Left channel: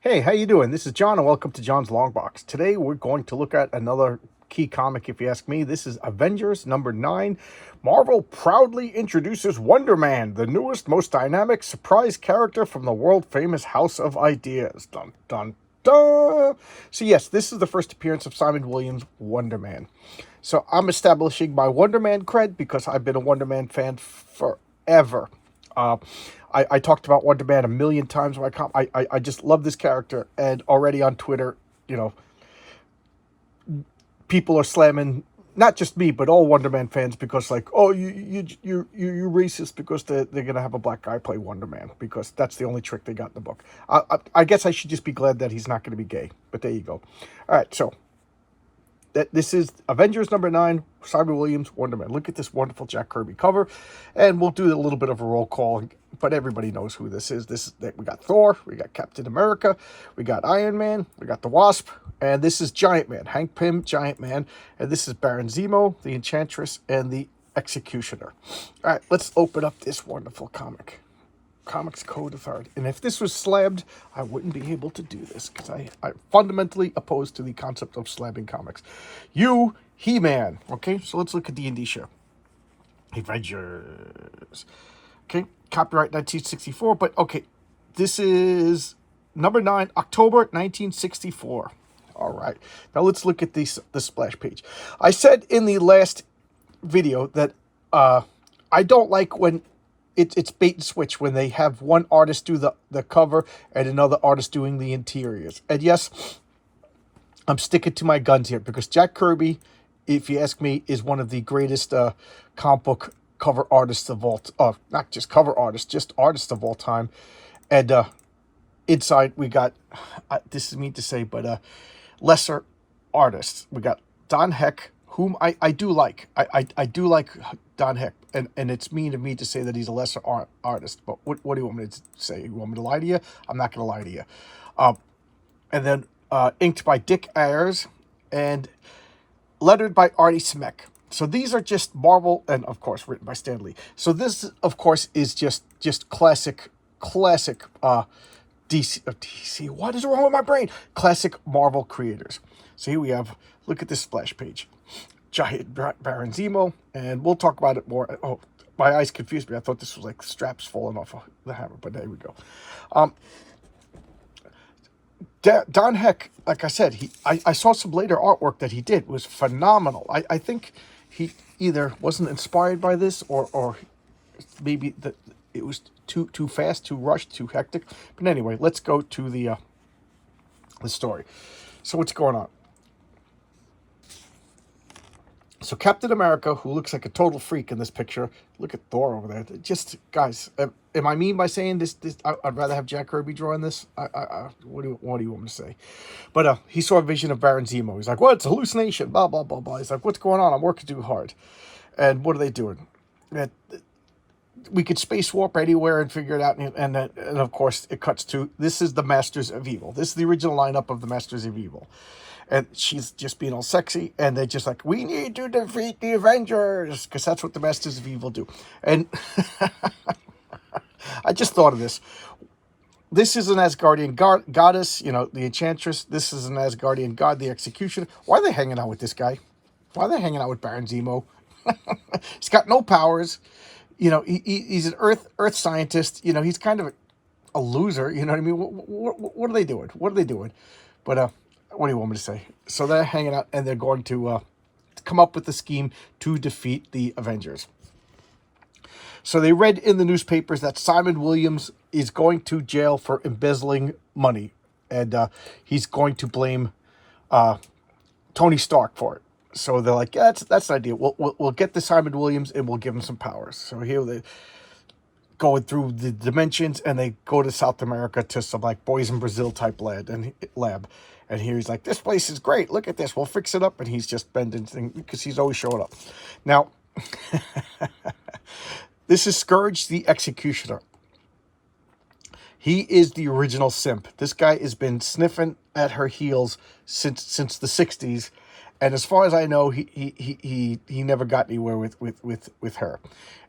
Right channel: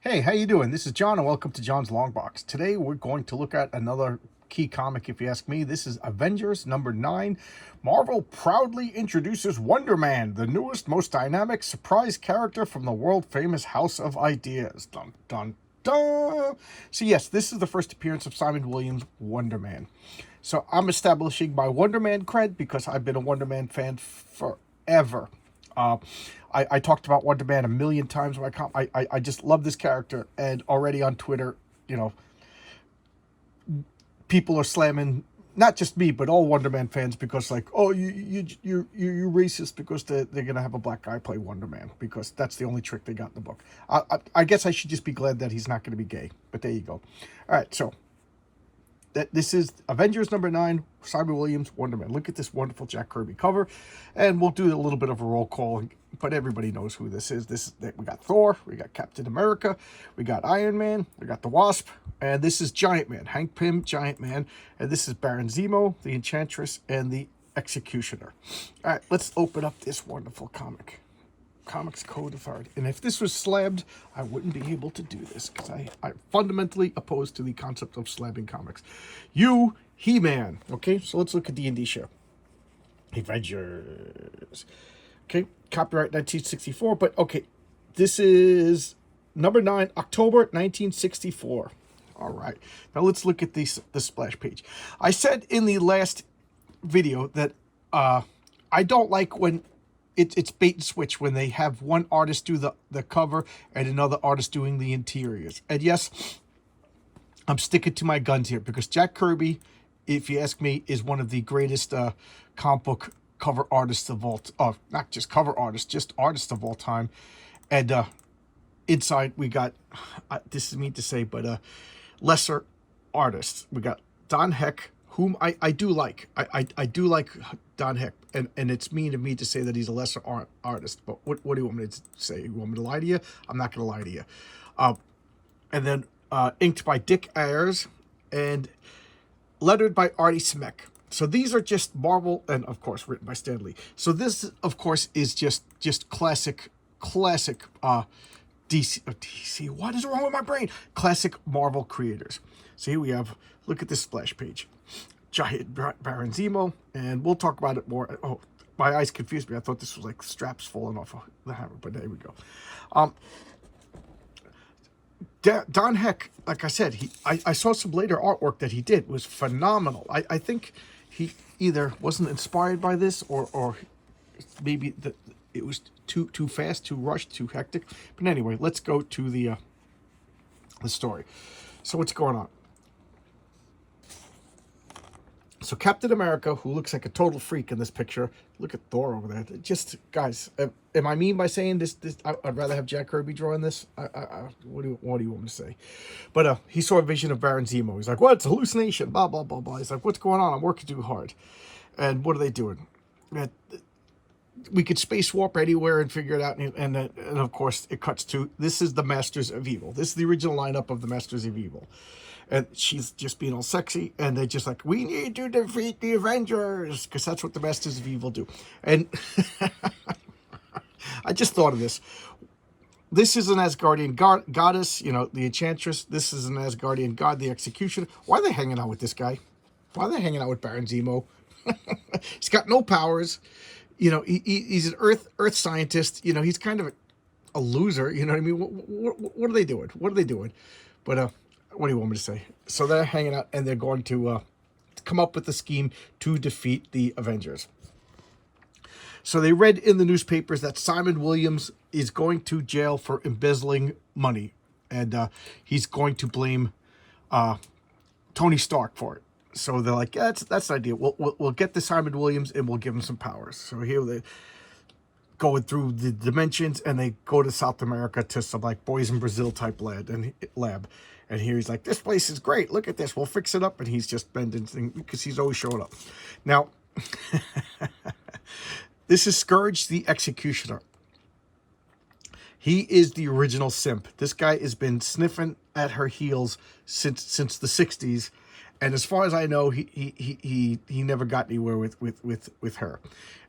Hey, how you doing? This is John, and welcome to John's Long Box. Today, we're going to look at another key comic, if you ask me. This is Avengers number 9. Marvel proudly introduces Wonder Man, the newest, most dynamic surprise character from the world-famous House of Ideas. Dun, dun, dun! So yes, this is the first appearance of Simon Williams' Wonder Man. So I'm establishing my Wonder Man cred because I've been a Wonder Man fan forever. Uh, I talked about Wonder Man a million times. I just love this character, and already on Twitter, you know, people are slamming not just me but all Wonder Man fans because like, oh, you racist because they're gonna have a black guy play Wonder Man because that's the only trick they got in the book. I guess I should just be glad that he's not going to be gay. But there you go. All right, so this is Avengers number 9, Simon Williams, Wonder Man. Look at this wonderful Jack Kirby cover, and we'll do a little bit of a roll call, but everybody knows who this is. We got Thor, we got Captain America, we got Iron Man, we got the Wasp, and this is Giant Man, Hank Pym, Giant Man, and this is Baron Zemo, the Enchantress, and the Executioner. All right, let's open up this wonderful comic. Comics Code Authority. And if this was slabbed, I wouldn't be able to do this because I'm fundamentally opposed to the concept of slabbing comics. You, He-Man. Okay, so let's look at the indie show. Avengers. Okay, copyright 1964, but okay, this is number 9, October 1964. All right, now let's look at the splash page. I said in the last video that I don't like when it's bait and switch when they have one artist do the cover and another artist doing the interiors. And yes, I'm sticking to my guns here because Jack Kirby, if you ask me, is one of the greatest comic book cover artists of all, not just cover artists, just artists of all time. And inside we got, this is mean to say, but lesser artists. We got Don Heck, whom I do like. I do like Don Heck, and it's mean of me to say that he's a lesser artist, but what do you want me to say? You want me to lie to you? I'm not going to lie to you. And then inked by Dick Ayers and lettered by Artie Simek. So these are just Marvel, and of course written by Stan Lee. So this, of course, is just classic DC. What is wrong with my brain? Classic Marvel creators. So here we have, look at this splash page. Giant Baron Zemo, and we'll talk about it more. Oh, my eyes confused me. I thought this was like straps falling off of the hammer, but there we go. Don Heck, like I said, I saw some later artwork that he did. It was phenomenal. I think he either wasn't inspired by this or maybe it was too fast, too rushed, too hectic. But anyway, let's go to the story. So what's going on? So Captain America, who looks like a total freak in this picture, look at Thor over there. Just, guys, am I mean by saying this? I'd rather have Jack Kirby drawing this. What do you want me to say? But he saw a vision of Baron Zemo. He's like, "What? It's a hallucination." Blah blah blah blah. He's like, "What's going on? I'm working too hard." And what are they doing? We could space warp anywhere and figure it out. And of course, it cuts to, this is the Masters of Evil. This is the original lineup of the Masters of Evil. And she's just being all sexy, and they're just like, we need to defeat the Avengers, because that's what the Masters of Evil do. And I just thought of this. This is an Asgardian goddess, you know, the Enchantress. This is an Asgardian god, the Executioner. Why are they hanging out with this guy? Why are they hanging out with Baron Zemo? He's got no powers. You know, he's an earth scientist. You know, he's kind of a loser. You know what I mean? What are they doing? What are they doing? But what do you want me to say? So they're hanging out, and they're going to come up with the scheme to defeat the Avengers. So they read in the newspapers that Simon Williams is going to jail for embezzling money, and he's going to blame Tony Stark for it. So they're like, yeah, that's an idea. We'll get the Simon Williams, and we'll give him some powers. So here they going through the dimensions, and they go to South America to some like Boys in Brazil type lab. And here he's like, this place is great. Look at this. We'll fix it up. And he's just bending things because he's always showing up. Now, this is Scourge the Executioner. He is the original simp. This guy has been sniffing at her heels since the 60s. And as far as I know, he never got anywhere with her.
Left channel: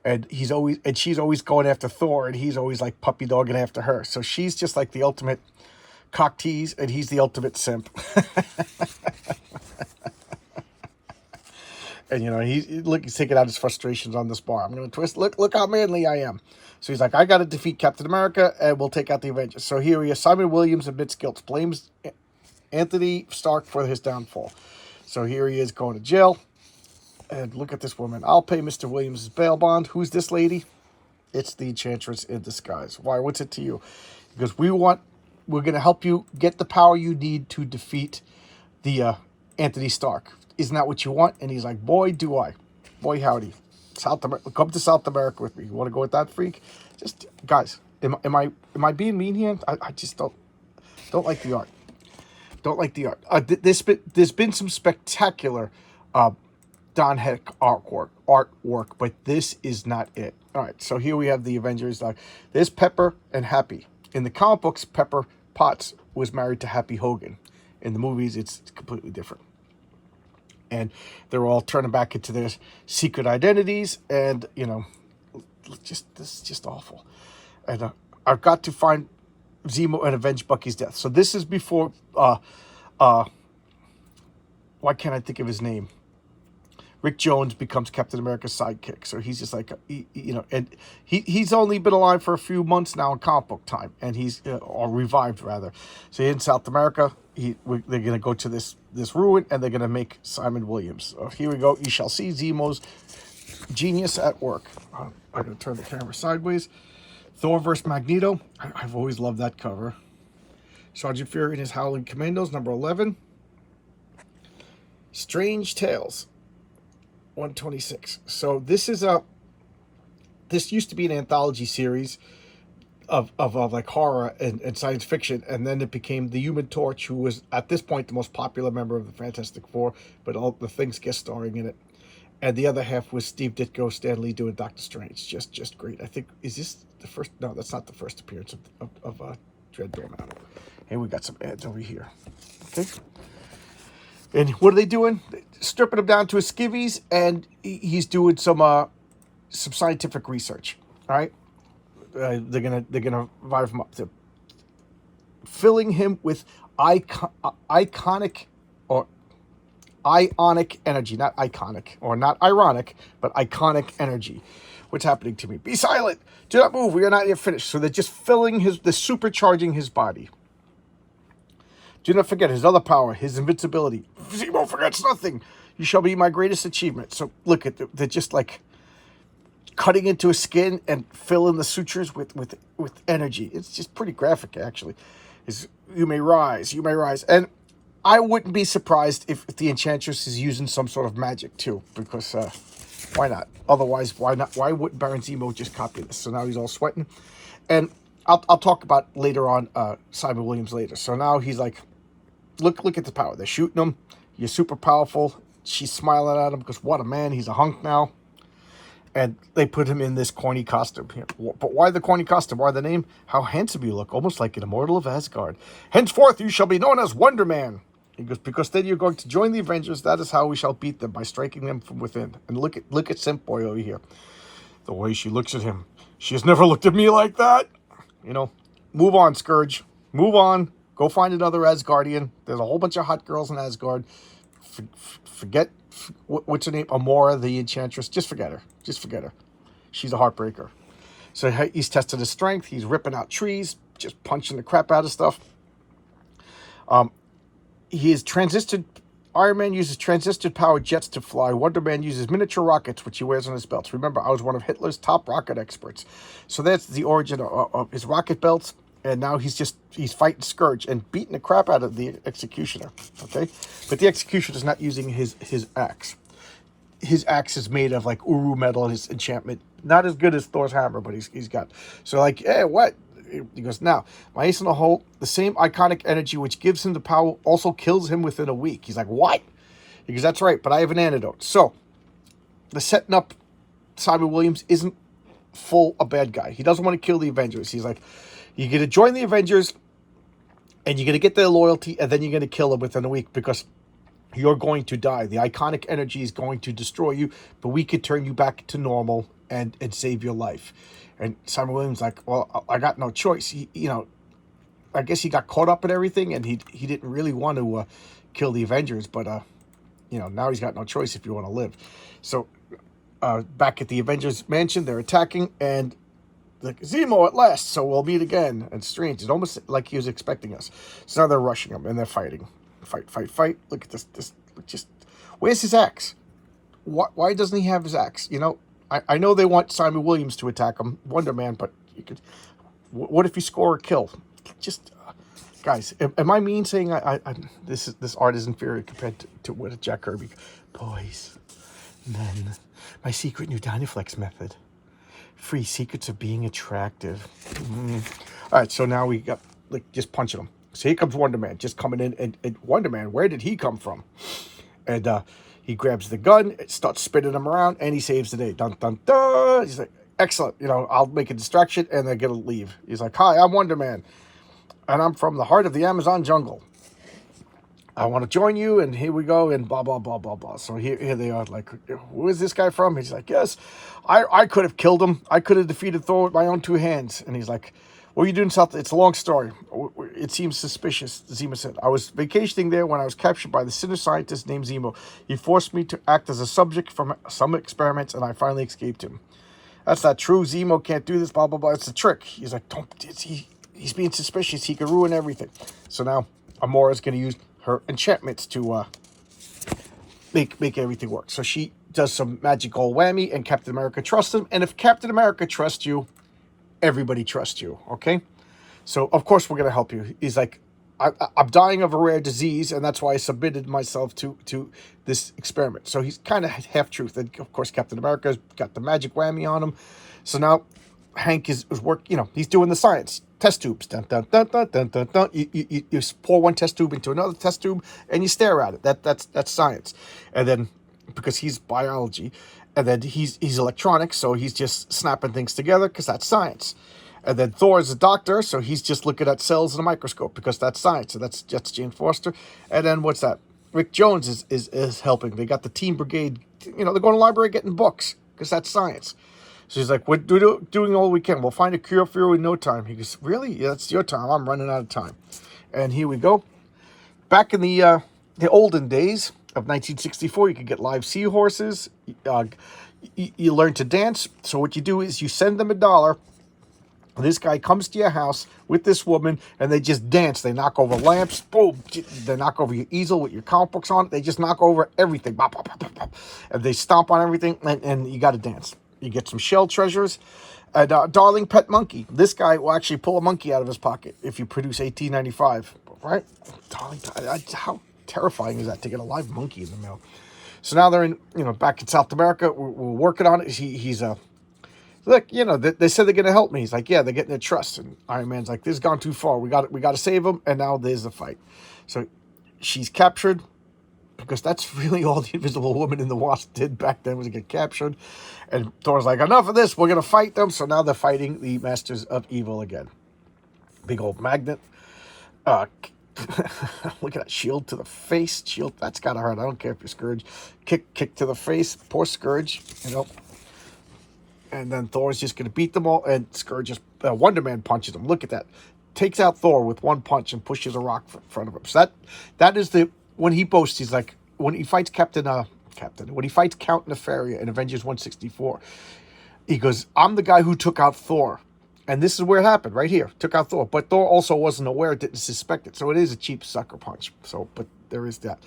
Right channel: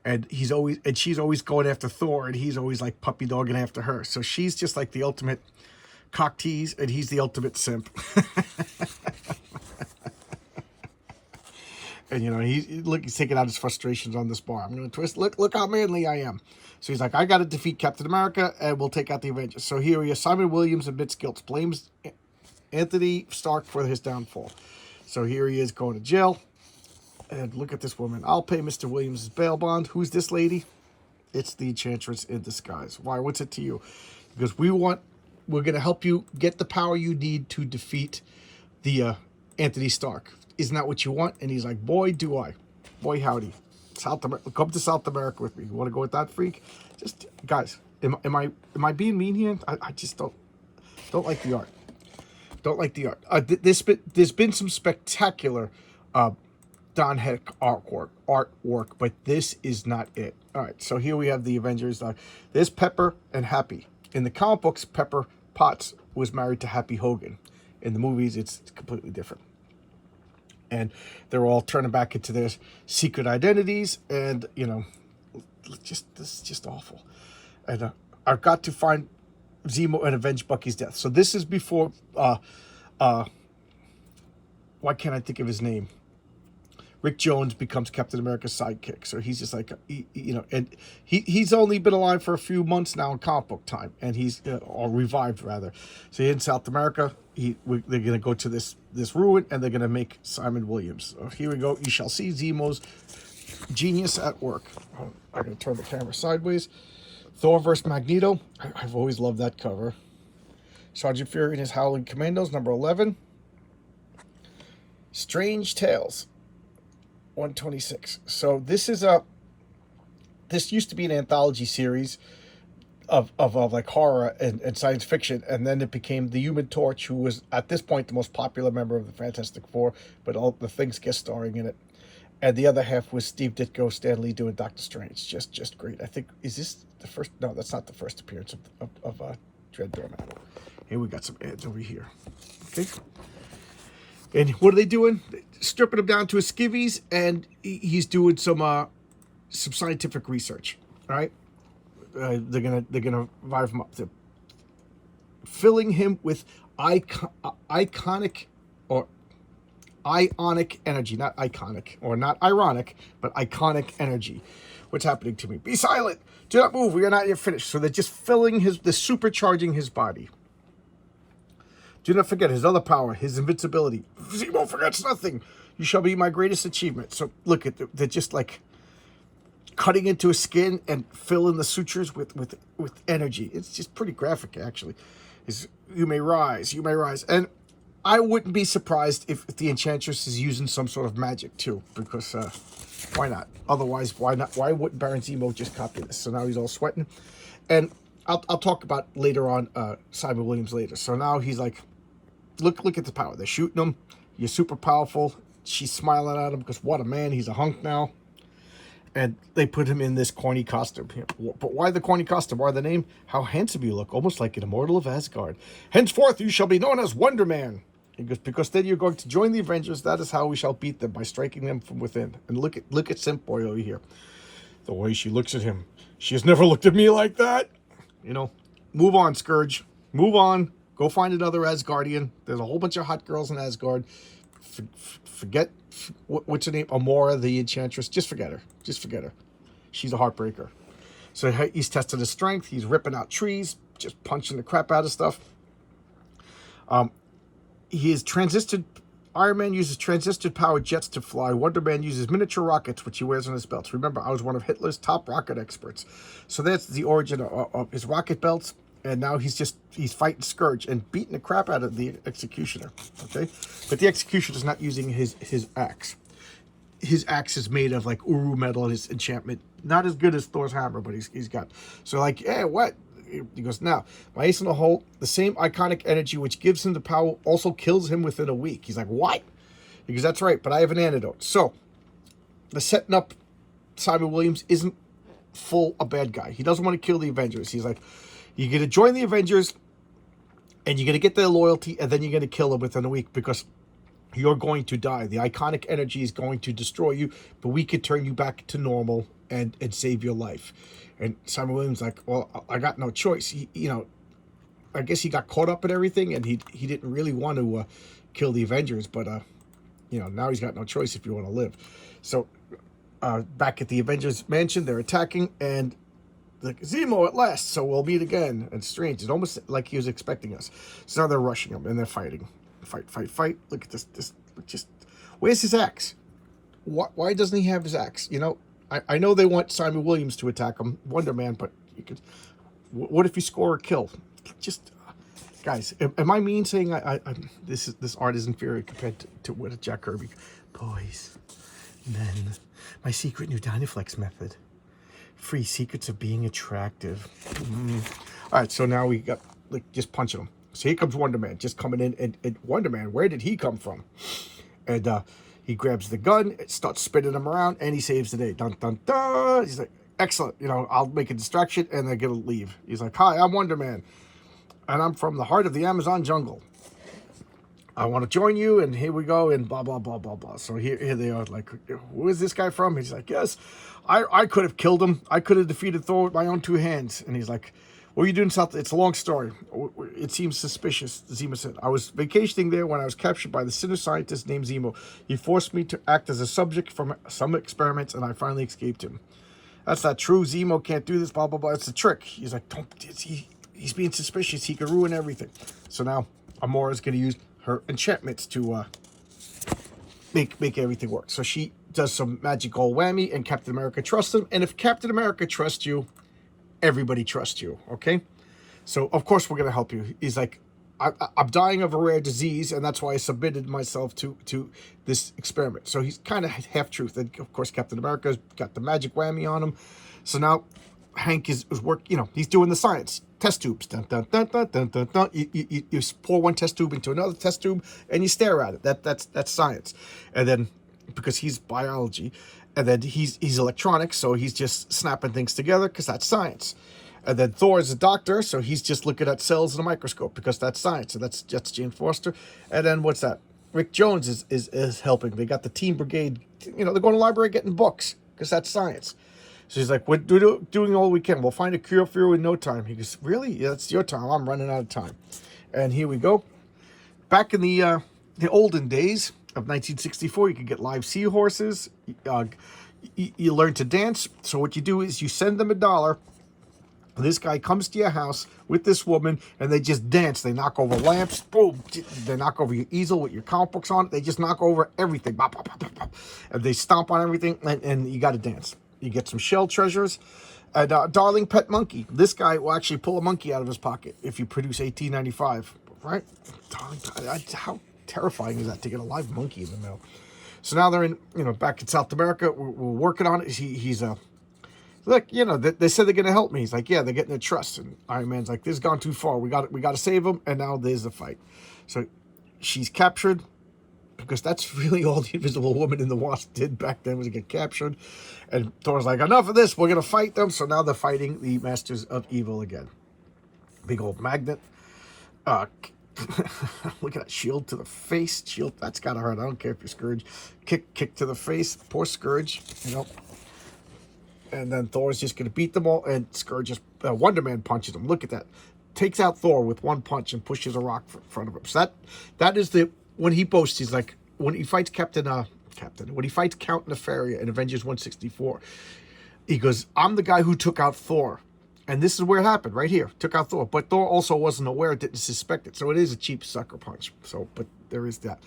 And she's always going after Thor, and he's always like puppy dogging after her. So she's just like the ultimate cock tease, and he's the ultimate simp. And he's taking out his frustrations on this bar. I'm gonna twist. Look how manly I am. So he's like, I gotta defeat Captain America, and we'll take out the Avengers. So here he is. Simon Williams admits guilt, blames Anthony Stark for his downfall. So here he is going to jail. And look at this woman. I'll pay Mr. Williams' bail bond. Who's this lady? It's the Enchantress in disguise. Why? What's it to you? Because we're going to help you get the power you need to defeat the Anthony Stark. Isn't that what you want? And he's like, boy, do I. Boy, howdy. Come to South America with me. You want to go with that freak? Just, guys, am I being mean here? I just don't like the art. Don't like the art. There's been some spectacular Don Heck artwork, but this is not it. All right, so here we have the Avengers. There's Pepper and Happy. In the comic books, Pepper Potts was married to Happy Hogan. In the movies, it's completely different. And they're all turning back into their secret identities, and this is just awful. And I've got to find Zemo and avenge Bucky's death. So this is before. Why can't I think of his name? Rick Jones becomes Captain America's sidekick. So he's just like, and he's only been alive for a few months now in comic book time, and he's or revived rather. So in South America, they're gonna go to this ruin, and they're gonna make Simon Williams. So here we go. You shall see Zemo's genius at work. I'm gonna turn the camera sideways. Thor vs. Magneto. I've always loved that cover. Sergeant Fury and his Howling Commandos, number 11. Strange Tales. 126. So this used to be an anthology series of like horror and science fiction, and then it became the Human Torch, who was at this point the most popular member of the Fantastic Four, but all the things guest starring in it. And the other half was Steve Ditko, Stan Lee doing Doctor Strange. Just great. I think, is this the first? No, that's not the first appearance of Dread Bear Metal. Hey, we got some ads over here. Okay. And what are they doing? Stripping him down to his skivvies, and he's doing some scientific research. All right, they're gonna revive him up. They're filling him with iconic or ionic energy, not iconic or not ironic, but iconic energy. What's happening to me? Be silent. Do not move. We are not yet finished. So they're just filling they're supercharging his body. Do not forget his other power, his invincibility. Zemo forgets nothing. You shall be my greatest achievement. So look at they're just like cutting into his skin and filling the sutures with energy. It's just pretty graphic, actually. You may rise, and I wouldn't be surprised if the Enchantress is using some sort of magic too, because why not? Otherwise, why not? Why wouldn't Baron Zemo just copy this? So now he's all sweating, and I'll talk about later on Simon Williams later. So now he's like, look at the power. They're shooting him. You're super powerful. She's smiling at him because what a man. He's a hunk now. And they put him in this corny costume. But why the corny costume? Why the name? How handsome you look, almost like an immortal of Asgard. Henceforth, you shall be known as Wonder Man. He goes, because then you're going to join the Avengers. That is how we shall beat them, by striking them from within. And look at Simp Boy over here. The way she looks at him. She has never looked at me like that. Move on, Scourge. Move on. Go find another Asgardian. There's a whole bunch of hot girls in Asgard. Forget, what's her name? Amora, the Enchantress. Just forget her. She's a heartbreaker. So he's tested his strength. He's ripping out trees, just punching the crap out of stuff. He is transistored. Iron Man uses transistor-powered jets to fly. Wonder Man uses miniature rockets, which he wears on his belts. Remember, I was one of Hitler's top rocket experts. So that's the origin of his rocket belts. And now he's fighting Scourge and beating the crap out of the Executioner. Okay? But the Executioner's not using his axe. His axe is made of like Uru metal, his enchantment. Not as good as Thor's hammer, but he's got. So like, hey, what? He goes, now, my ace in the hole, the same iconic energy which gives him the power also kills him within a week. He's like, what? He goes, that's right, but I have an antidote. So, the setting up Simon Williams isn't full a bad guy. He doesn't want to kill the Avengers. He's like, you're going to join the Avengers, and you're going to get their loyalty, and then you're going to kill them within a week, because you're going to die. The iconic energy is going to destroy you, but we could turn you back to normal and save your life. And Simon Williams like, well, I got no choice. I guess he got caught up in everything, and he didn't really want to kill the Avengers, but you know, now he's got no choice if you want to live. So back at the Avengers mansion, they're attacking, and like, Zemo at last, so we'll meet again. And Strange, it's almost like he was expecting us. So now they're rushing him, and they're fighting. Fight. Look at this. Just, where's his axe? Why doesn't he have his axe? You know, I know they want Simon Williams to attack him, Wonder Man, but you could. What if you score a kill? Just, guys, am I mean saying this art is inferior compared to what Jack Kirby? Boys, men, my secret new Dynaflex method. Free secrets of being attractive. All right, so now we got, like, just punching him. So here comes Wonder Man, just coming in, and Wonder Man, where did he come from? And he grabs the gun, starts spinning him around, and he saves the day. Dun, dun, dun. He's like, excellent, you know, I'll make a distraction, and they're gonna leave. He's like, hi, I'm Wonder Man, and I'm from the heart of the Amazon jungle. I want to join you, and here we go, and blah, blah, blah, blah, blah. So here they are, like, who is this guy from? He's like, yes, I could have killed him. I could have defeated Thor with my own 2 hands. And he's like, what are you doing south? It's a long story. It seems suspicious, Zemo said. I was vacationing there when I was captured by the sinister scientist named Zemo. He forced me to act as a subject from some experiments, and I finally escaped him. That's not true. Zemo can't do this, blah, blah, blah. It's a trick. He's like, he's being suspicious. He could ruin everything. So now Amora's going to use her enchantments to make everything work. So she does some magical whammy, and Captain America trusts him. And if Captain America trusts you, everybody trusts you, okay? So, of course, we're going to help you. He's like, I'm dying of a rare disease, and that's why I submitted myself to this experiment. So he's kind of half-truth. And, of course, Captain America's got the magic whammy on him. So now Hank is you know, he's doing the science. Test tubes. Dun, dun, dun, dun, dun, dun, dun. You pour one test tube into another test tube, and you stare at it. That's science. And then, because he's biology, and then he's electronics, so he's just snapping things together because that's science. And then Thor is a doctor, so he's just looking at cells in a microscope because that's science. So that's Jane Foster. And then what's that? Rick Jones is helping. They got the Team Brigade. You know, they're going to the library getting books because that's science. So he's like, we're doing all we can. We'll find a cure for you in no time. He goes, really? Yeah, that's your time. I'm running out of time. And here we go. Back in the olden days of 1964, you could get live seahorses. You learn to dance. So what you do is you send them $1. This guy comes to your house with this woman, and they just dance. They knock over lamps. Boom. They knock over your easel with your comic books on it. They just knock over everything. Bop, bop, bop, bop, bop. And they stomp on everything, and you got to dance. You get some shell treasures. And Darling Pet Monkey. This guy will actually pull a monkey out of his pocket if you produce 1895. Right? Darling, how terrifying is that to get a live monkey in the mail? So now they're in, you know, back in South America. We're working on it. He's look, you know, they said they're going to help me. He's like, yeah, they're getting their trust. And Iron Man's like, this has gone too far. We got to save him. And now there's the fight. So she's captured, because that's really all the Invisible Woman in the Wasp did back then, was to get captured. And Thor's like, enough of this. We're going to fight them. So now they're fighting the Masters of Evil again. Big old magnet. Look at that shield to the face. Shield, that's got to hurt. I don't care if you're Scourge. Kick to the face. Poor Scourge, you know. And then Thor's just going to beat them all. And Scourge just, Wonder Man punches him. Look at that. Takes out Thor with one punch and pushes a rock in front of him. So that is the, when he boasts, he's like, when he fights when he fights Count Nefaria in Avengers 164, he goes, I'm the guy who took out Thor. And this is where it happened, right here. Took out Thor. But Thor also wasn't aware, didn't suspect it. So it is a cheap sucker punch. So, but there is that.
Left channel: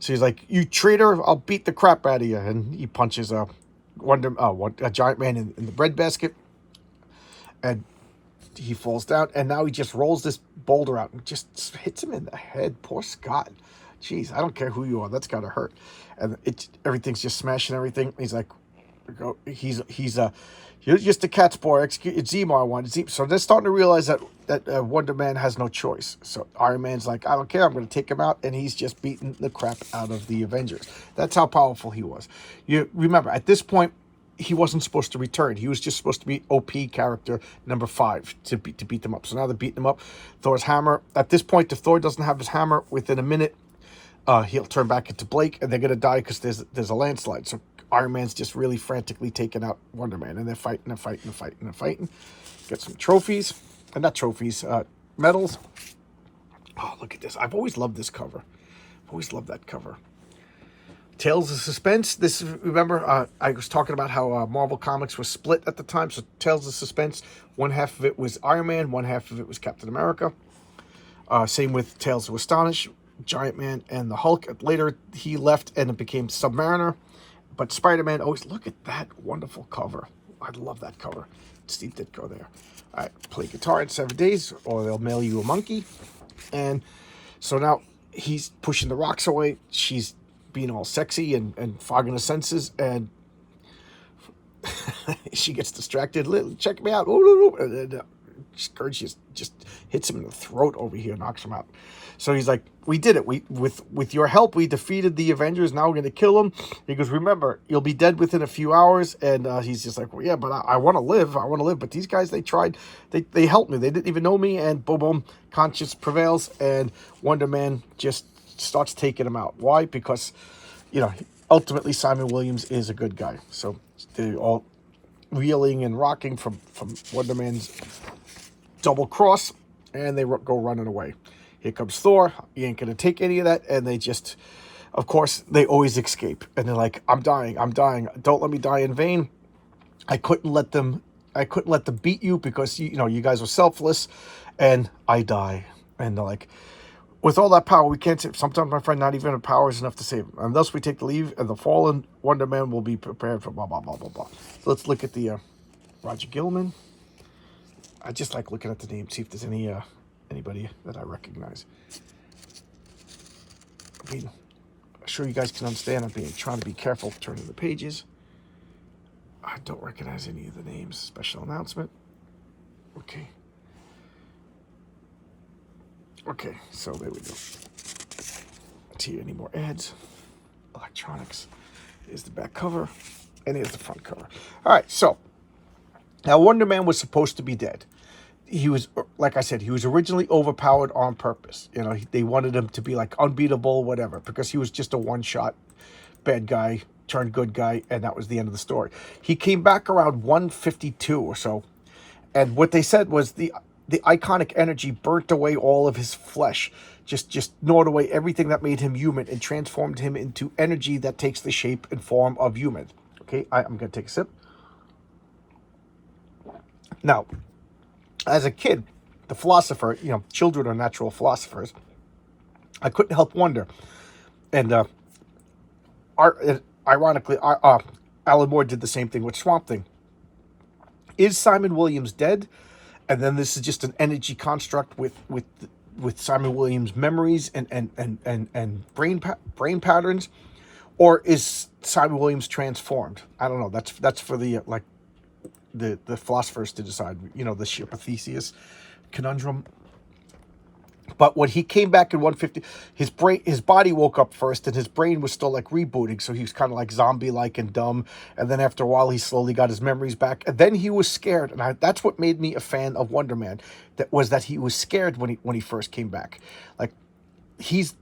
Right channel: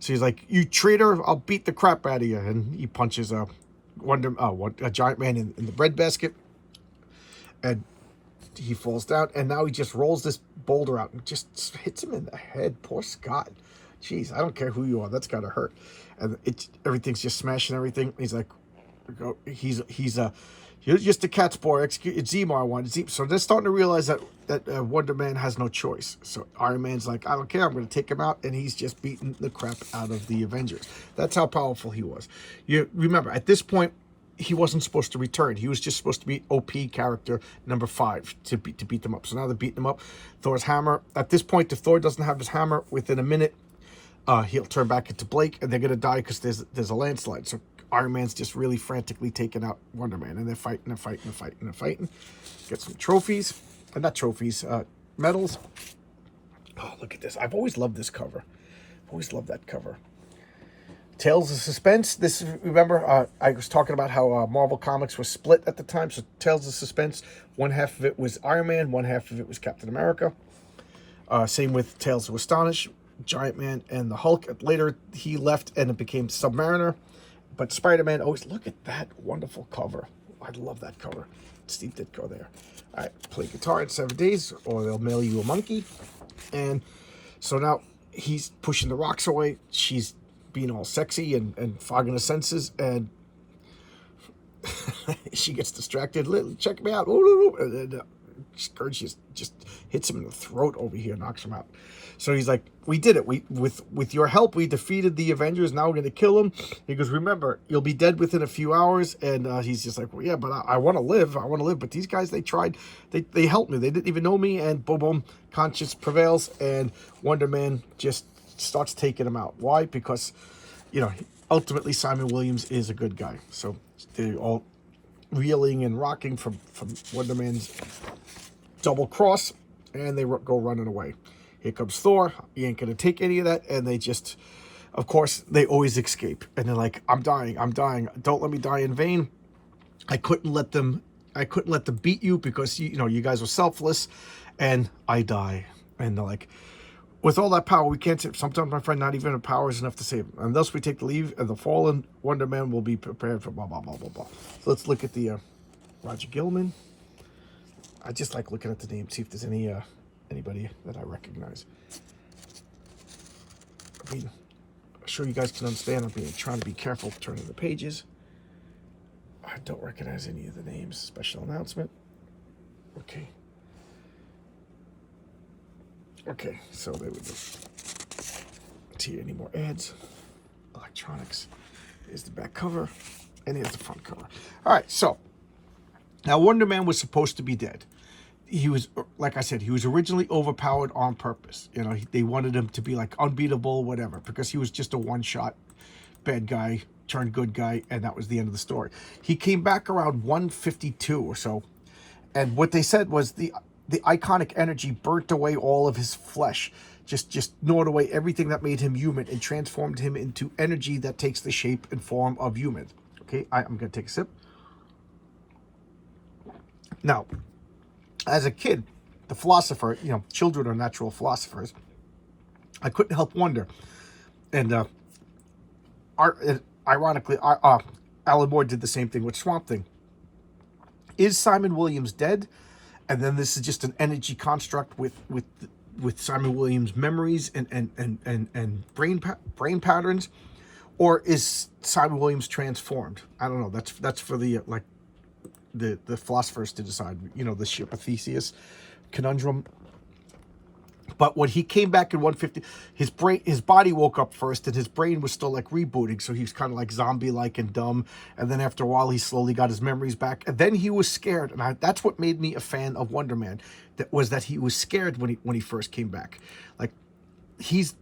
So he's like, you traitor, I'll beat the crap out of you. And he punches a giant man in the breadbasket. And he falls down. And now he just rolls this boulder out and just hits him in the head. Poor Scott. Jeez, I don't care who you are. That's got to hurt. And everything's just smashing everything. He's like, you're just a cat's boy. It's Zemo I want. So they're starting to realize that Wonder Man has no choice. So Iron Man's like, I don't care. I'm going to take him out. And he's just beating the crap out of the Avengers. That's how powerful he was. You remember, at this point, he wasn't supposed to return. He was just supposed to be OP character number 5 to beat them up. So now they're beating him up. Thor's hammer. At this point, if Thor doesn't have his hammer within a minute, he'll turn back into Blake, and they're going to die because there's a landslide. So Iron Man's just really frantically taking out Wonder Man, and they're fighting. Get some trophies. Not trophies. medals. Oh, look at this. I've always loved this cover. I've always loved that cover. Tales of Suspense. This, remember, I was talking about how Marvel Comics was split at the time. So Tales of Suspense, one half of it was Iron Man, one half of it was Captain America. Same with Tales of Astonish, Giant Man, and the Hulk. Later, he left and it became Submariner. But Spider-Man, always, look at that wonderful cover. I love that cover. Steve Ditko there. All right, play guitar in 7 days, or they'll mail you a monkey. And so now he's pushing the rocks away. She's being all sexy and fogging the senses, and she gets distracted. Check me out. And Scourge just hits him in the throat over here, knocks him out. So he's like, we did it. With your help, we defeated the Avengers. Now we're going to kill him. He goes, remember, you'll be dead within a few hours. And he's just like, well, yeah, but I want to live. I want to live. But these guys, they tried. They helped me. They didn't even know me. And boom, boom, conscience prevails. And Wonder Man just starts taking him out. Why? Because, ultimately Simon Williams is a good guy. So they're all reeling and rocking from Wonder Man's double cross. And they go running away. Here comes Thor. He ain't going to take any of that. And they just, of course, they always escape. And they're like, I'm dying. Don't let me die in vain. I couldn't let them beat you because, you guys are selfless. And I die. And they're like, with all that power, we can't save. Sometimes, my friend, not even our power is enough to save him. And thus we take the leave, and the fallen Wonder Man will be prepared for blah, blah, blah, blah, blah. Let's look at the Roger Gilman. I just like looking at the name, see if there's anybody that I recognize. I mean, I'm sure you guys can understand. I'm trying to be careful turning the pages. I don't recognize any of the names. Special announcement. Okay. Okay, so there we go. See any more ads? Electronics. Here's the back cover, and here's the front cover. All right, so now Wonder Man was supposed to be dead. He was, like I said, he was originally overpowered on purpose. They wanted him to be like unbeatable, whatever, because he was just a one-shot bad guy turned good guy, and that was the end of the story. He came back around 152 or so, and what they said was the iconic energy burnt away all of his flesh, just gnawed away everything that made him human and transformed him into energy that takes the shape and form of human. Okay, I'm going to take a sip. Now, as a kid, the philosopher, children are natural philosophers, I couldn't help wonder. And ironically, Alan Moore did the same thing with Swamp Thing. Is Simon Williams dead? And then this is just an energy construct with Simon Williams' memories and brain patterns, or is Simon Williams transformed? I don't know. That's for the the philosophers to decide. The ship of Theseus conundrum. But when he came back in 150, his body woke up first, and his brain was still like rebooting, so he was kind of like zombie-like and dumb. And then after a while, he slowly got his memories back, and then he was scared. And that's what made me a fan of Wonder Man. That he was scared when he first came back. Like, he's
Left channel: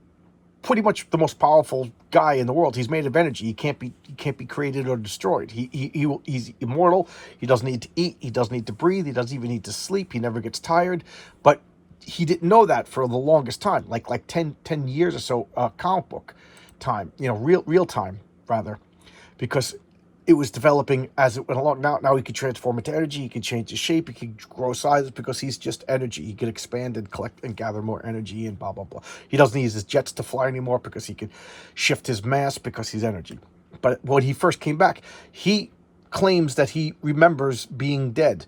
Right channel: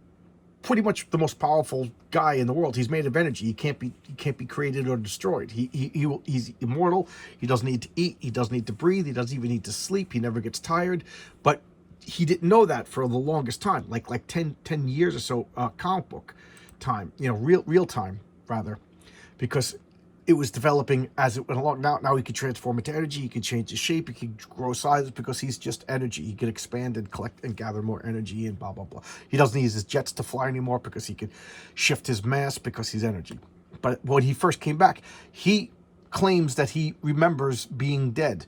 pretty much the most powerful guy in the world. He's made of energy. He can't be created or destroyed. He's immortal. He doesn't need to eat. He doesn't need to breathe. He doesn't even need to sleep. He never gets tired. But he didn't know that for the longest time, like 10 years or so, comic book time, real time rather, because it was developing as it went along. Now he could transform into energy. He can change his shape. He can grow sizes because he's just energy. He can expand and collect and gather more energy and blah, blah, blah. He doesn't use his jets to fly anymore because he can shift his mass because he's energy. But when he first came back, he claims that he remembers being dead,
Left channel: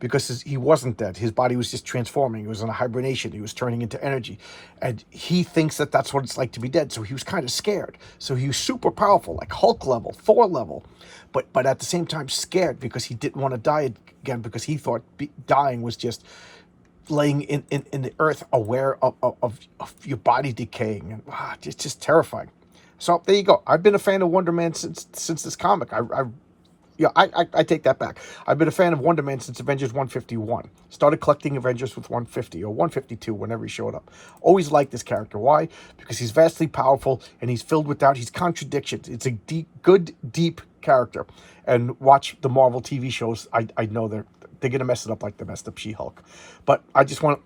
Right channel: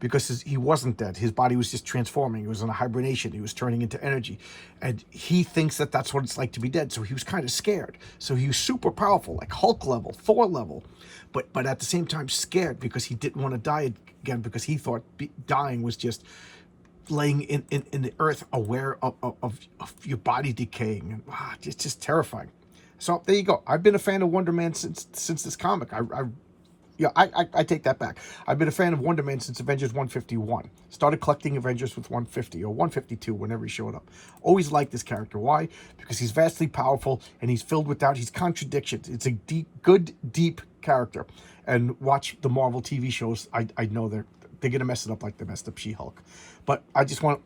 because he wasn't dead. His body was just transforming. He was in a hibernation. He was turning into energy. And he thinks that that's what it's like to be dead. So he was kind of scared. So he was super powerful, like Hulk level, Thor level. But at the same time scared, because he didn't want to die again, because he thought dying was just laying in the earth, aware of your body decaying. And it's just terrifying. So there you go. I've been a fan of Wonder Man since this comic. I take that back. I've been a fan of Wonder Man since Avengers 151. Started collecting Avengers with 150 or 152 whenever he showed up. Always liked this character. Why? Because he's vastly powerful and he's filled with doubt. He's contradictions. It's a good, deep character. And watch the Marvel TV shows. I know they're going to mess it up like they messed up She-Hulk. But I just want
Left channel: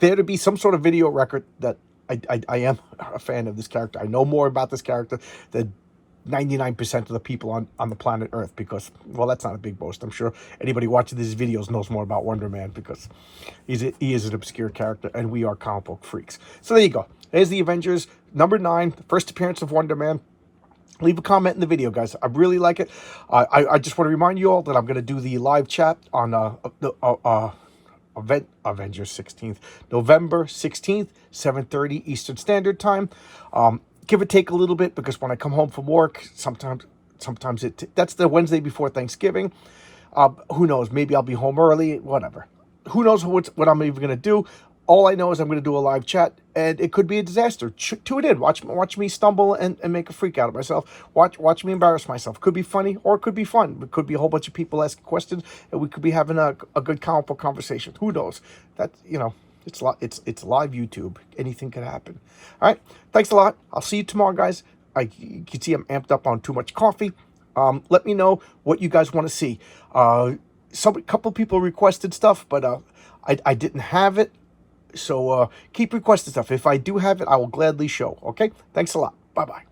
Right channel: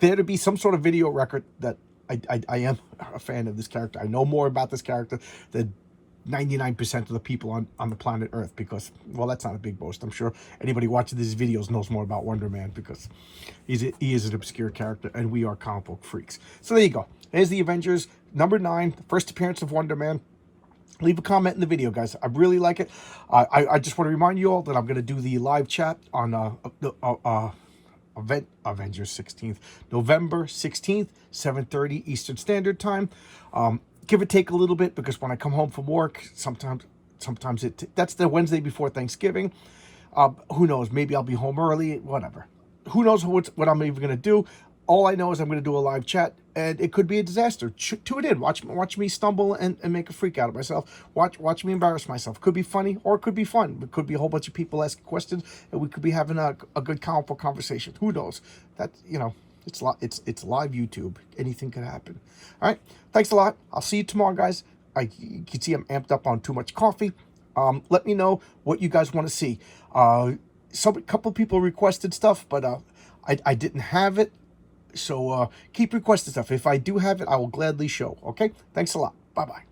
there to be some sort of video record that I am a fan of this character. I know more about this character than 99% of the people on the planet Earth, because, well, that's not a big boast. I'm sure anybody watching these videos knows more about Wonder Man, because he is an obscure character, and we are comic book freaks. So there you go. There's the Avengers, number 9, the first appearance of Wonder Man. Leave a comment in the video, guys. I really like it. I just want to remind you all that I'm going to do the live chat on Avengers 16th, November 16th, 7:30 Eastern Standard Time. Give or take a little bit, because when I come home from work, sometimes that's the Wednesday before Thanksgiving. Who knows? Maybe I'll be home early. Whatever. Who knows what I'm even going to do? All I know is I'm going to do a live chat, and it could be a disaster. Tune in. Watch me stumble and make a freak out of myself. Watch me embarrass myself. Could be funny, or it could be fun. It could be a whole bunch of people asking questions, and we could be having a good comic book conversation. Who knows? That, it's live YouTube. Anything could happen. All right. Thanks a lot. I'll see you tomorrow, guys. You can see I'm amped up on too much coffee. Let me know what you guys want to see. A couple people requested stuff, but I didn't have it. So keep requesting stuff. If I do have it, I will gladly show. Okay? Thanks a lot. Bye-bye.